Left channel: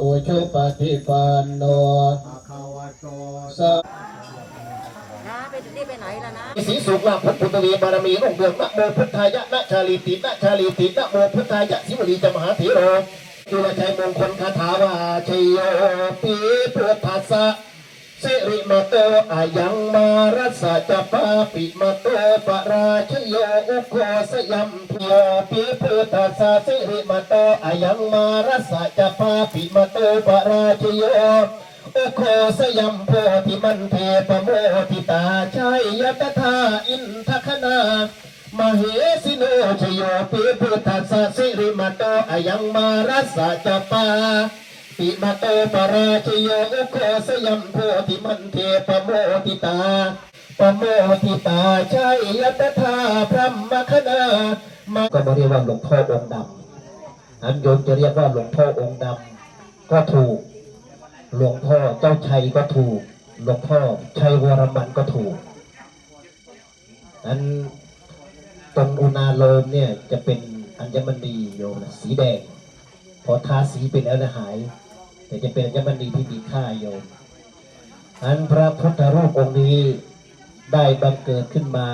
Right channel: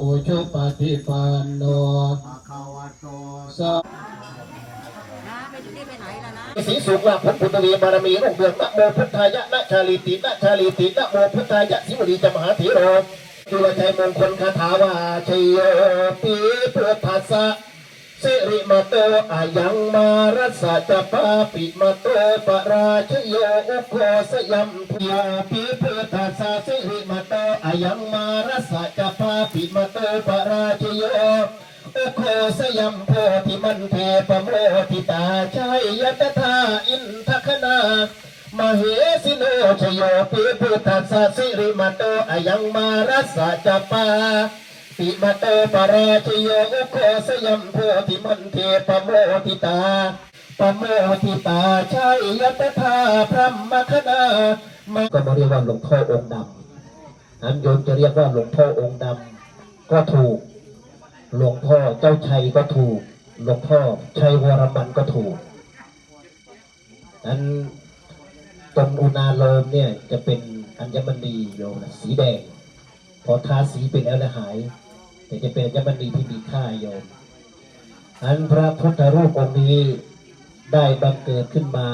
อุชุปฏิปันโนภะคะวะโตสะนะไปถึงนี่ไปไหนแล้วนะสีสุขลาภพุทธวีบารมีรุ่งเรืองนะโมพุทธายะนะชาลีตินะชาลีตินะโมพุทธายะสิวลีจมหาเถโรจุลชัยมงคลคาถาวาชัยโยปีพุทธัสสะสิริมาโตอายังมารัสสะจะปาปิมาโตปราชโยอุโคสยัมพียปีพุทธั ยังมารัสะจะปาปิมาโตปราชโยอุโคสยัมโพธิมันเทปโมทิตาชัยยตถาอินทคณามเหสิโนชโยปิพุทธัสสะสิริมาโตอายังมารัสสะจปาปิมาโตปราชโยอุโคสยัมโพธิมันเทปโมทิตาปโมทิตาชัยยตถาพระมคณามาก็มาเรียกว่าหลวงพ่อองค์ดำ นั้นโยมจะเรียกว่าหลวงพ่อองค์ดำก็ถูก หลวงพ่อเจ้าชัยก็ถูก หลวงพ่อชัยวรมันก็ถูกนั้นตรงอุณาโลมเนี่ยจะเป็นอัญมณีโยมนะสีแดง พอทาสีเป็นแล้วนะหาย แต่จะเป็นอัญมณีที่มีค่าโยมอันพระพุทธรูปองค์นี้ได้บังเกิดขึ้นมา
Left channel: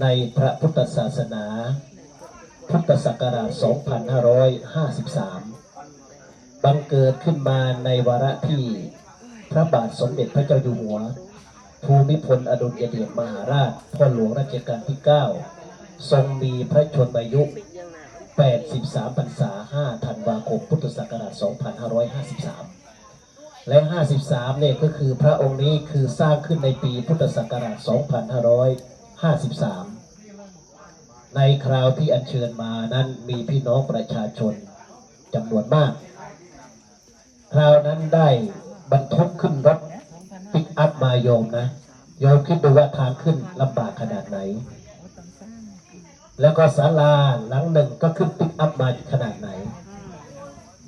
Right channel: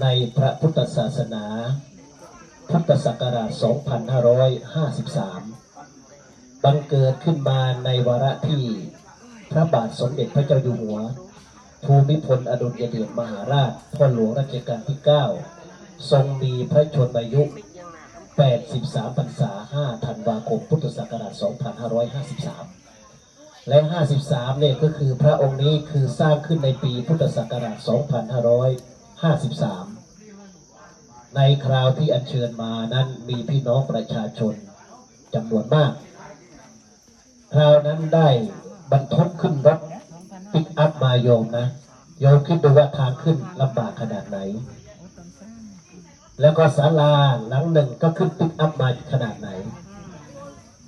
ในพระพุทธศาสนา พุทธศักราช 2553 บังเกิดขึ้นมาในวาระที่พระบาทสมเด็จพระเจ้าอยู่หัว ภูมิพลอดุลยเดชมหาราชพ่อหลวงรัชกาลที่ 9 ทรงมีพระชนมายุ 83 พรรษา 5 ธันวาคม พุทธศักราช 2553 และ 53 เนี่ยก็คือพระองค์นี้คือสร้างขึ้นในปีพุทธศักราช 2553 ในคราวที่อัญเชิญมานั้นมีพี่น้องประชาชนจำนวนมาก คราวนั้นได้บรรทุกขึ้นรถปิกอัพมาโยมนะโยมคิดดูว่าทางขึ้นลำบากขนาดไหน แล้วก็ศาลาหลังหนึ่งก็ขึ้นปิกอัพมาขนาดไหน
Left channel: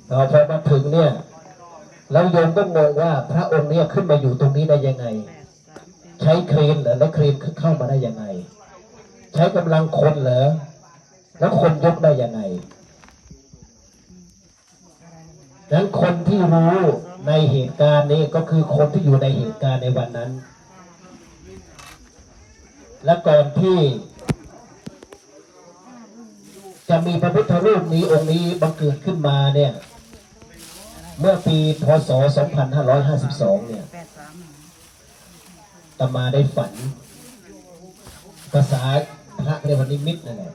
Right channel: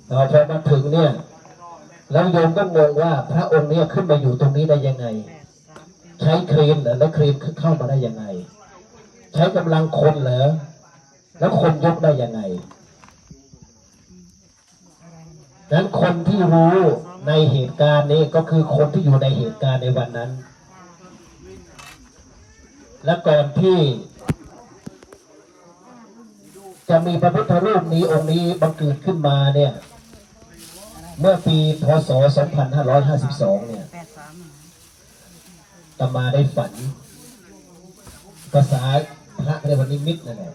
พอพอมาถึงเนี่ยแล้วโยมก็งงว่าพระองค์เนี่ยขึ้นมาอยู่ตรงนี้ได้ยังไง ใช้เครนหรือแล้วเครนเข้ามาได้ยังไง ช้กำลังคนเหรอ แล้วคนยกได้ยังไงนั้นคนที่รู้ในเหตุการณ์นี้ก็คือคนที่อยู่ในเหตุการณ์ในวันนั้น และก่อนที่ จะมีพระพุทธรูปนี้องค์นี้บังเกิดขึ้นมาเนี่ย เมื่อปีพศ 2552 เนี่ยตมาได้ฝันภาษา พระเรียกว่านิมิตนั่นแหละ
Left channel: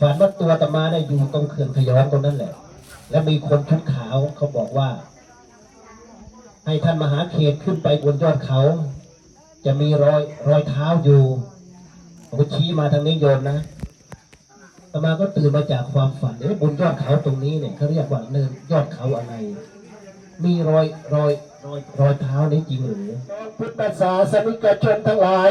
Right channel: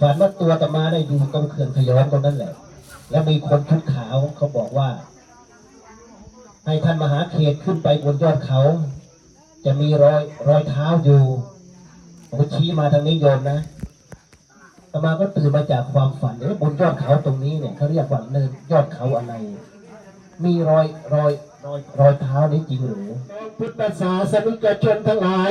ฝันว่าตัวตมาได้อยู่ตรงเขื่อนขยอนตรงนั้นแหละ แล้วมีคนชุดขาวเขาบอกว่า ให้ท่านมหาเขตขึ้นไปบนยอดเขา จะมีรอยรอยเท้าอยู่ผมชี้มาทางนี้โยมนะตมาก็ตื่นมาจากความฝันเอ๊ะบนยอดเขาตรงนี้เนี่ยเขาเรียกว่าเนินยอดเขาอะไร มีรอยรอยรอยรอยเท้านี้จริงหรือพุทธศาสนิกชนทั้งหลาย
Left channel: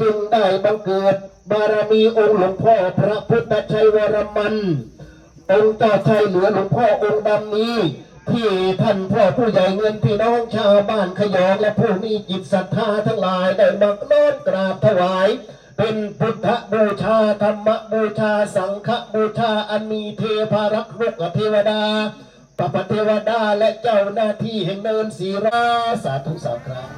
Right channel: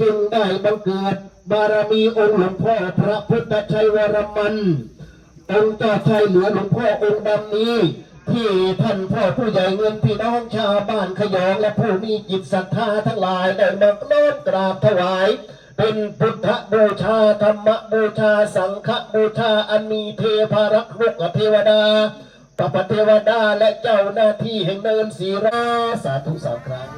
จึงได้บังเกิดบารมีองค์หลวงพ่อพระพุทธชัยวรมันองค์เจ้าชายเหลือหลวงพ่อองค์ดำนี้ ที่ท่านพ่อผู้ใหญ่เงินพี่น้องชาวบ้านขยองและผู้มีจิตศรัทธาทั้งหลายได้มาน้อมกราบถวาย เป็นพุทธบูชาธรรมบูชาสังฆบูชาอันมีเทพารักษ์ลูกเทวดาปปเทวดาและเจ้าหน้าที่แห่งเนินศีราสาธุสามครั้ง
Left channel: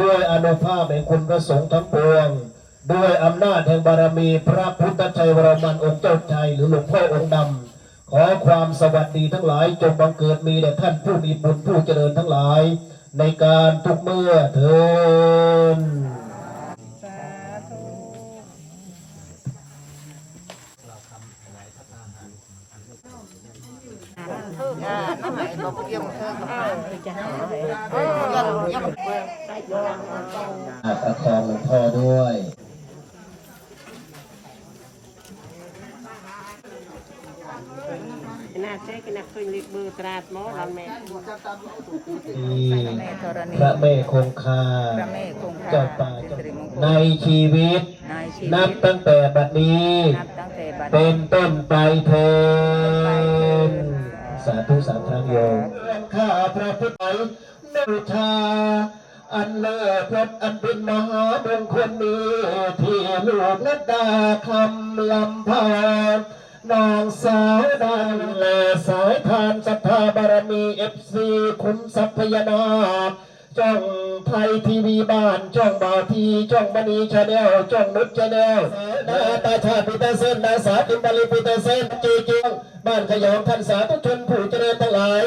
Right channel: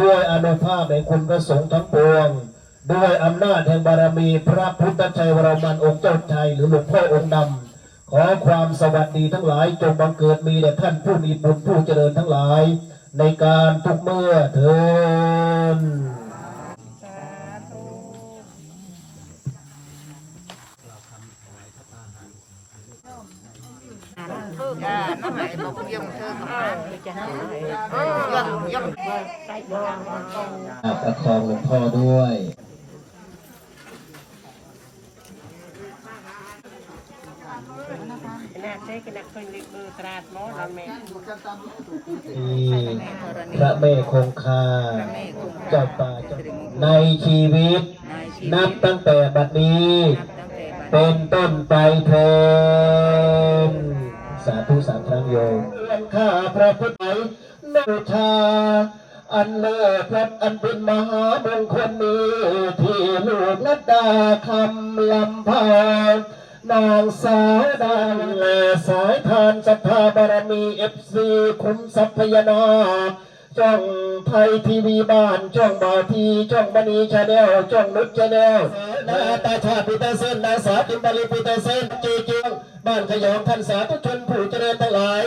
ด้วยอนุภาพแห่งคุณพระสงฆ์ทั้งปวง ด้วยอำนาจแห่งบารมีพระพุทธชัยวรมันองค์เจ้าชัยหรือหลวงพ่อองค์ดำขอความสวัสดีทั้งหลายจงบังเกิดมีแด่ท่านผู้มีบุญผู้เจริญทั้งหลาย ในการทุกเมื่อเทินเออ ประคองหลวงพ่อด้วยมีพระแม่คงคาเจ้าป่าในชีวิต นับตั้งแต่บัดนี้ เป็นต้นไปเทินสาธุสามครั้งโยมข้าพระพุทธนบูชา อันเลิศเพชรอันเป็นมหามงคลนี้ที่ลูกนัดดาคำลำพานนางสาวดังและสายทานศรัทธาบารมีเอฟซีคุ้มทรัพยานาจ้องไทยทีวีบ้านจ้องบาทีจ้องบันีชาแนลจ้องนุชชาแนลนาตาชาปิตาเส้นนาสาติมบาลีปิตาเส้นจีเจียงบ้านขยองท่านสาธุชนผู้เจริญทั้งหลาย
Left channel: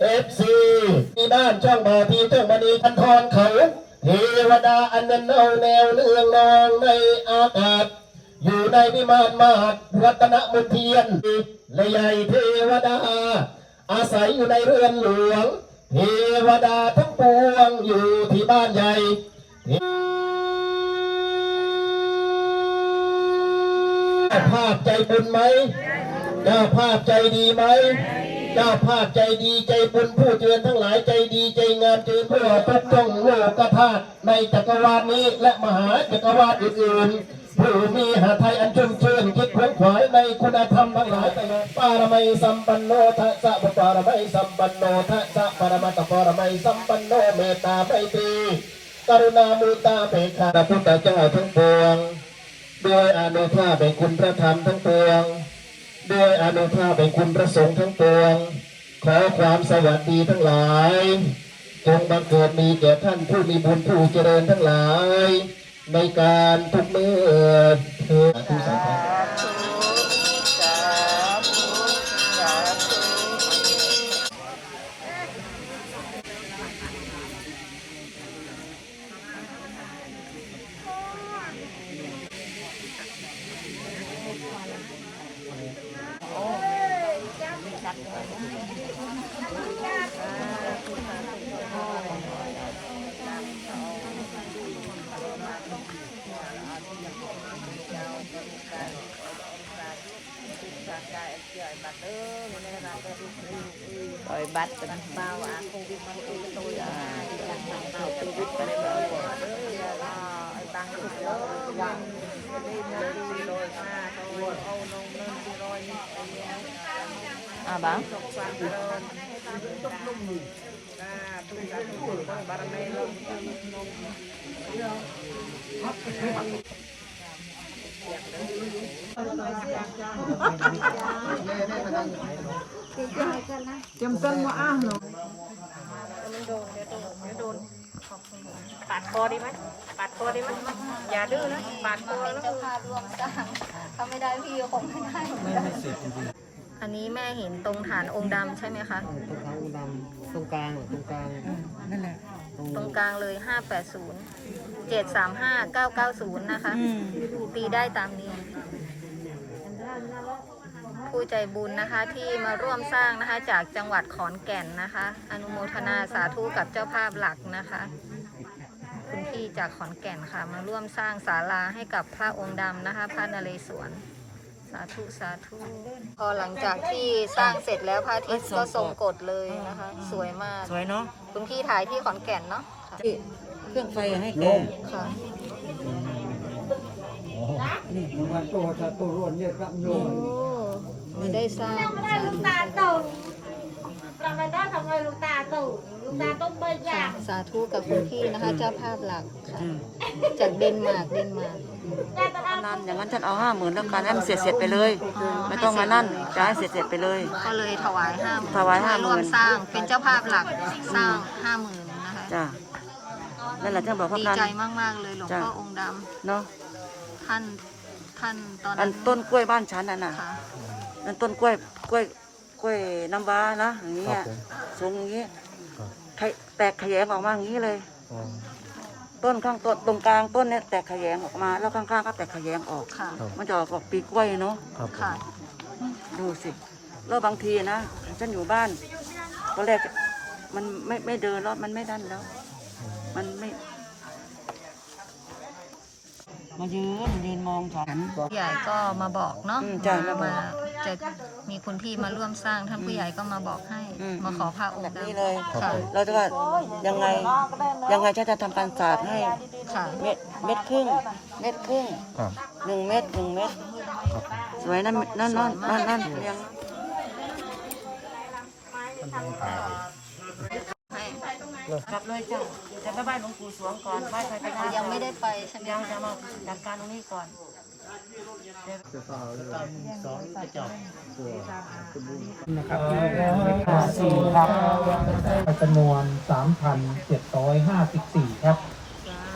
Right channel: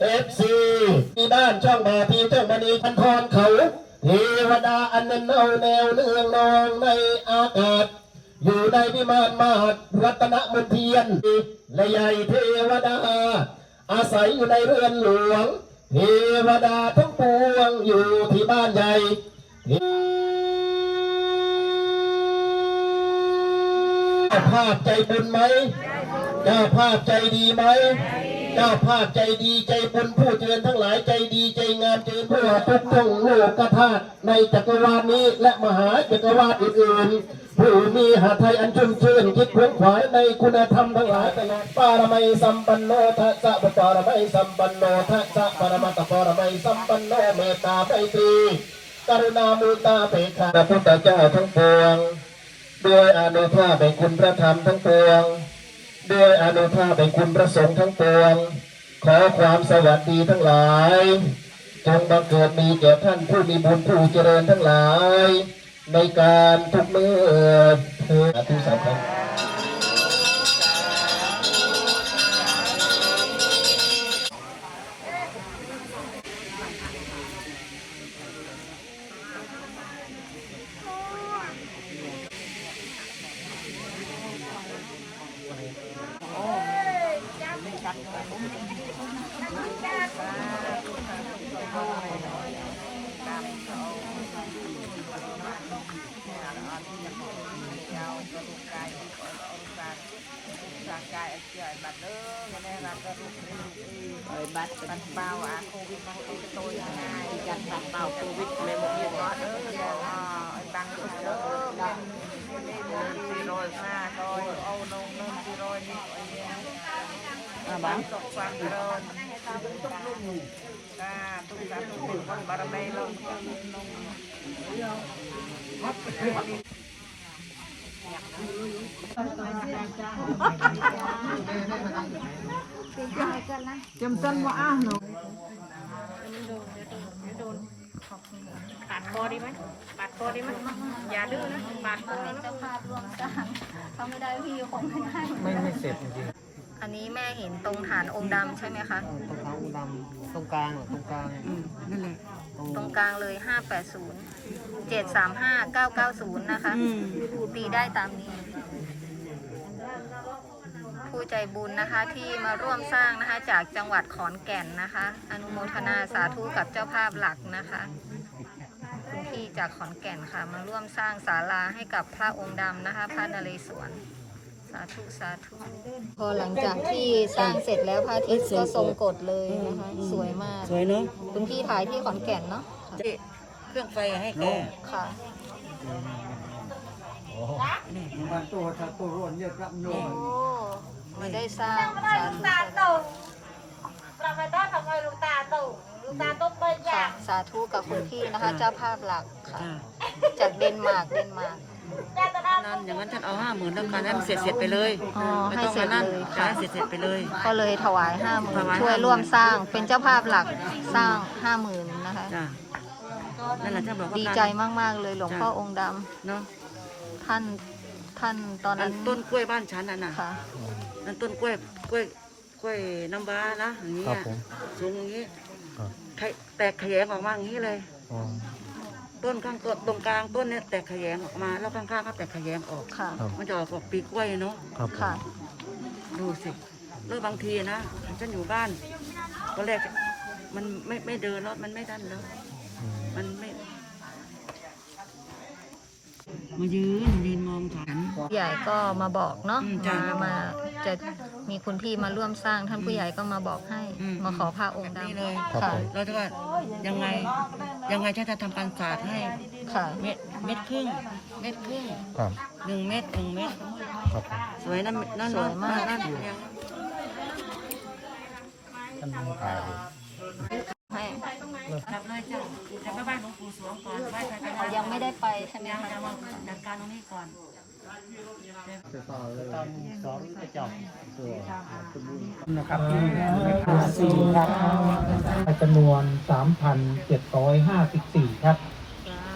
เอฟซีมีบ้านช่องบาที ช่องบันีคันทรเขา เทวดาอันนั้นเอาแนวเนื่องนองในอากาศ อยู่ในวิมานมหาดรัตนมนเทียนและใหญ่เทวดา อาศัยอยู่ในเรือนหลวง เทวดาทั้งปวงอยู่ที่บ้านใหญ่ภาพใจบุญไหมเจ้าภาพใจดีไหม เจ้าภาพใจดีใจบุญผู้เจริญทั้งหลายใจดีใจงามเจริญเพื่อทุกท่องโลกธาตุในจักรวาลนี้และมหาจักรวาลอื่นๆผู้มีหาไทยอันชุ่มชื่นคิดขวนขวายในคุณธรรมทั้งหลายตลอดปารมัยสัมปันโนทัสสะปารมัยสัมปันโนทัสสะปรมัตปารมัยสัมปันโนเมตตาไพตรีกรุณามุตาเปกขาพระพุทธเจ้าทั้งปวงด้วยอานุภาพแห่งคุณพระธรรมทั้งปวง ด้วยอนุภาพแห่งคุณพระสงฆ์ทั้งปวง ขอความสวัสดีทั้งหลาย จงบังเกิดมีแก่ท่านผู้มีบุญผู้เจริญทั้งหลาย ในการทุกเมื่อเถิดสาธุสาธุ ปล่อยบั ตรกันอ่าบ้างปาดคอดีไหมปาดคอดีไหมอย่าดื้อนะปาดคอเป็นเจ้าภาพร่วมสร้างเขาไม่ได้พี่ก็คงไม่ได้ ไม่ไม่เสร็จจริง อันนี้แม่เห็นตรงฐานองค์ดำใช่ไหมคะๆตรงกลางดำตรงกลางตรงกลางนั่นแหละ ตรงกลางเลย 580 735 990 นะคะ ตีได้ตามนี้ ผู้ใจบุญนะคะที่มาร่วมสร้างนะคะจากจังหวัดขอนแก่นนะคะ อนุโมทนาสาธุกับเจ้าภาพหลักนะคะคุณพี่จากขอนแก่นค่ะ มาร่วมสร้างศาลาให้กับพระองค์ดำนะคะ พระนเรศวร สาธุ สาธุ พอหลังจากที่สร้างเสร็จแล้วพระอาทิตย์ก็ทรงกฎเลยนะคะสวยมากสวยเนาะคุณพี่ถ่ายที่ขอนแก่นเนาะเครื่องไฟให้แกค่ะนี่มาตัวถ้าตัวร้อนเยอะก็โยโอ้นไม่ได้สร้างไม่ได้ลูกตาลตกเราไม่ได้ทำไมลูกตา ลตกลูกตาลต้องเปิดค่ะยางสาธุกับคุณพี่นะคะเจ้าภาพหลักค่ะอ่าจากเดนมาร์กเดนมาร์ก นั่นอย่างนั้นฉันเอาห้าหมื่นแล้วกันให้มันเสร็จเสร็จไปเลยอ๋อไม่ให้ต้องเสร็มาจนั่นเลยจะค่ะให้เสร็จเสร็จไปเลย ก็เลยถวายห้าหมื่นถวาย ช่วย50,000ร่วมสร้างเป็นเจ้าภาพหลักสร้างห้าหมื่นนะคะ จ้ะนั่นแหละที่บอกว่าดีใจมากๆเลยหลวงพ่อองค์ดเนาะำท่านท่านตอนอันั้นนต้นกล้วยบ้านฉันน่ะนะค่ะ นั่นต้นกล้วยกล้วยกล้วยน้ำว้านะอย่างนี้อะสูงอย่างนี้ไข่ แตกขยงออกมาอย่างนี้เลยต้นข้างต้นตรงกลางต้นเนี่ยแตกขยงออกมา แล้วข้างๆก็แตกขยงออก ค่ะ มันจะออกกับปีกล้วยเนาะค่ะ ดูสิ แล้วบางทีนะฉันอยู่บ้านตอนแรกมันไม่ไม่เดินแล้วมันไม่ดันแล้ว มันไม่ มายืนยืนมองฉันผู้ใหญ่ก็มาบอกเนาะอืมจ้ะ มามาจะ มีคุณพี่มาร่วมสร้างท่านผู้ใหญ่ก็มาบอกให้ อืม มาขอพระองค์นี่ดำเลยค่ะ แล้วก็ยังไงยังไงฉันจะทำการศาสตร์ให้ค่ะ เม็ดเม็ดครึ่งเม็ดครึ่งหนึ่งเม็ดหนึ่งเม็ดสวยนั่นนั่นสวยมาก นั่นเรียงอกลับเลยจ้ะจะไปบ้านหลวงปู่สวงก่อนบ้านใครไปเขายังไม่ได้ไปใช่ไหมยังคะจะมาจัดการตรงนี้ก่อน นะครับสี่ครับจำนวนสามพันเจ็ดร้อยห้าสิบสี่ครับ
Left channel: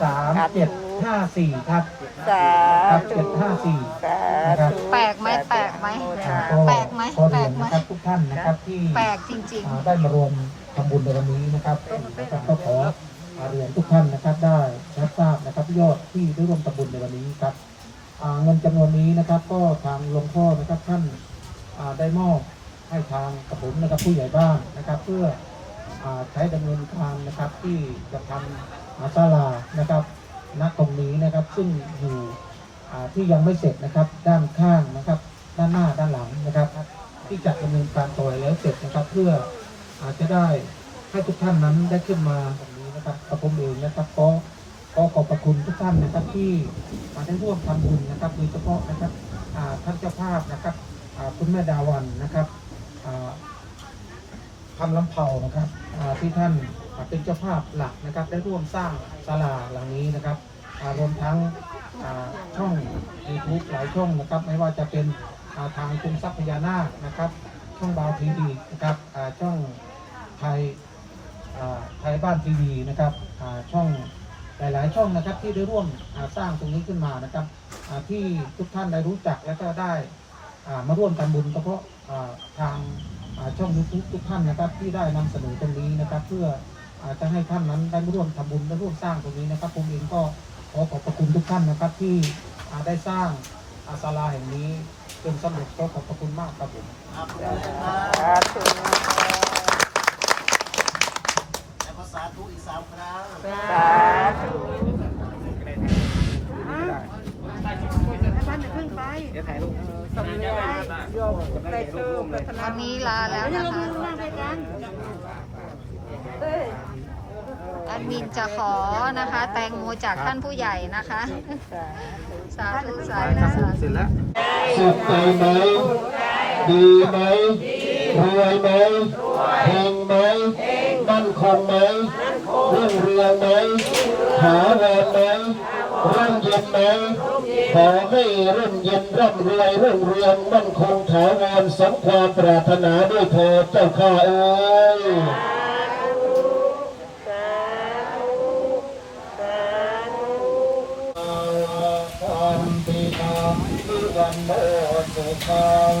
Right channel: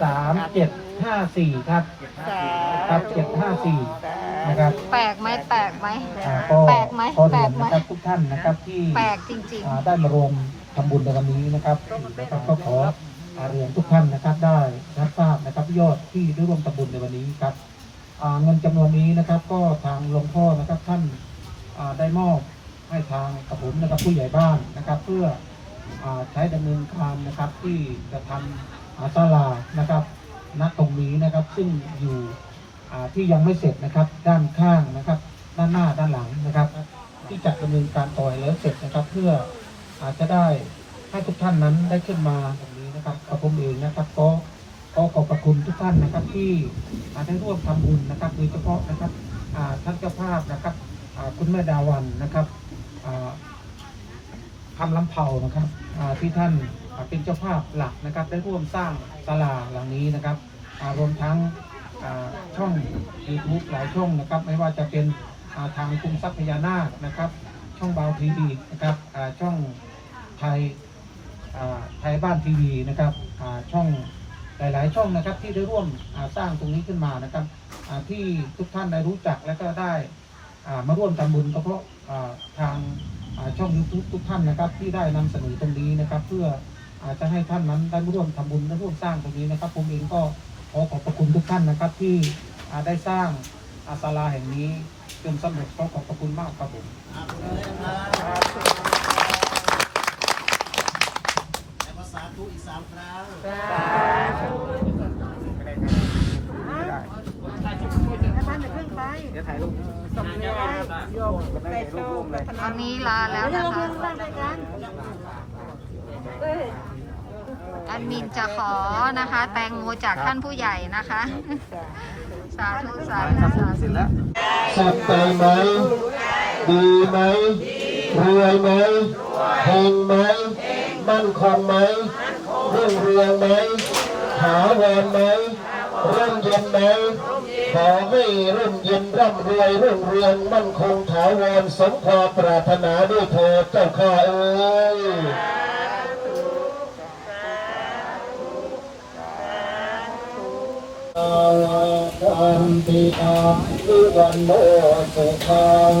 สามเจ็ดห้าสี่ครับสาครับเจ็ดห้าสี่นะครับแปลกไหมแปลกไหมอ่าแปลกไหมขอแปลเรียกนไหมนะครับทุกท่านนะครับที่แปลกจริง อ่าได้มารวมทำบุญในวันนี้นะครับนะครับก็ขออ่าเรียนทุกท่านนะครับได้รับทราบนะครับยอดที่ได้ร่วมทำบุญในวันนี้ครับอ่า เงินจำนวนนี้นะครับ ก็ทางหลวงพ่อนะครับท่านได้มอบให้ทางกระผมนะครับผู้ใหญ่บ้านนะครับ เพื่ออใช้ดำเนินการนะครับที่จะทำอาศาลานะครับณตรงนี้นะครับซึ่งอยู่ที่ยังไม่เสร็จนะครับ ด้านข้างนะครับ ด้านหน้าด้านหลังนะครับ ที่จัดดำเนินการต่อยแล้วเสร็จนะครับ เพื่ออาจจะได้ให้ทุกท่านนั้นได้ขึ้นมาตรงนี้นะครับกระผมเองนะครับก็ ก็ขอบพระคุณทุกท่านนะครับที่อ่าได้ร่วมทำบุญนะครับโดยเฉพาะนะครับท่านเจ้าภาพนะครับคุณแม่ดาวันนะครับอ่าทำลำเผานะครับที่ท่านเป็นเจ้าภาพหลักนะครับ ได้ร่วมสร้างศาลาหลังนี้นะครับรวมทั้งช่องยูทูบหลายช่องนะครับ ไม่ว่าจะเป็นทางคุมทรัพย์พญานาคนะครับ ช่องบาวทีวีนะครับช่องไทยไทยบ้านทีวีนะครับช่อง หลายๆช่องนะครับที่ได้ร่วมสร้างตรงนี้ขึ้นมานะครับที่ทุกท่านได้รู้จักและก็ได้มาร่วมทำบุญก็เพราะทางช่องยูทูบทุกท่านนะครับ ที่ได้นำเสนอตรงนี้นะครับ เพื่อจะให้ท่านนั้นได้ร่วมทำบุญได้ร่วมสร้างตรงนี้นะครับผมเองก็ขอขอบพระคุณทุกท่านนะครับ ที่ได้สร้างอาศาลาแห่งนี้จนสำเร็จก็ขอบพระคุณมากครับผมภาษาทุอีกสามครั้ง ๆวันนี้ลาแล้วนะคะแอดมินจะขอนะคะ แตงโมจากท่านผู้ใหญ่นะคะ สาธุสาธุสาธุสุขใจไหมดีไหมรวยไหมแห่งไหมมั่นคงไหมเรื่องเรืองไหมหาแรงไหม ร่มเย็นไหมขอให้ร่มเย็นร่ำรวยรุ่งเรืองมั่นคงถาวรสมความปรารถนาด้วยเถิดเจ้าข้าเอ้ยอันติอัมพิวันโมสุขัง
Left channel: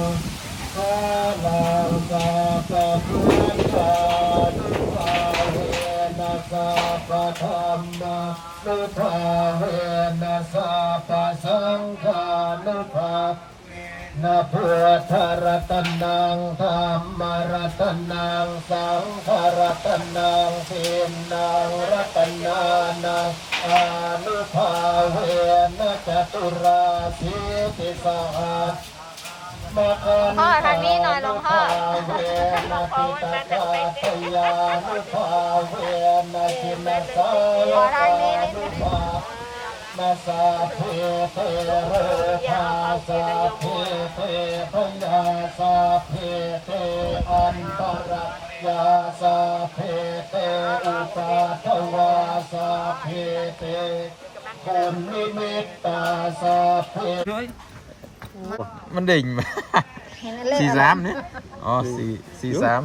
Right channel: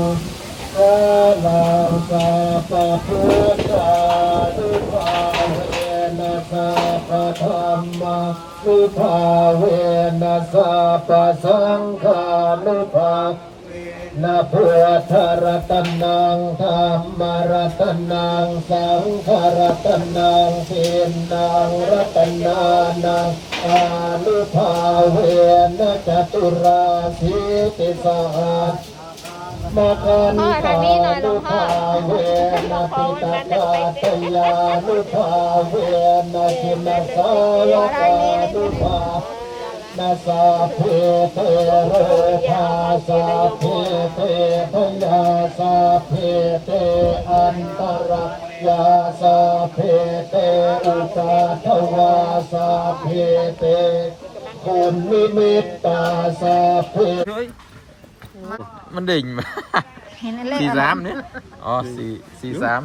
สานาสาปะพุ มานุภาเวนะสาปะสังฆานุภานะพุทธรัตนังธรรมรัตนังสังฆรัตนังเทนนังรัตนานังอานุภาเวนะจตุราสีติสหัสมาคัน พ่อทางนี้หน่อยหลวงพ่อเวนะปิตกาตยานุภาเวนะชินสาวกานุภานาสาเพเตเรธาสาเพเตพยาสาเพเตอันตรยาสาเพเตอุปาทวาสาเพเตคุณนิมิตตาสาเพ มันดิ่งมาสี่สามนี่อ๋อสี่สี่สาม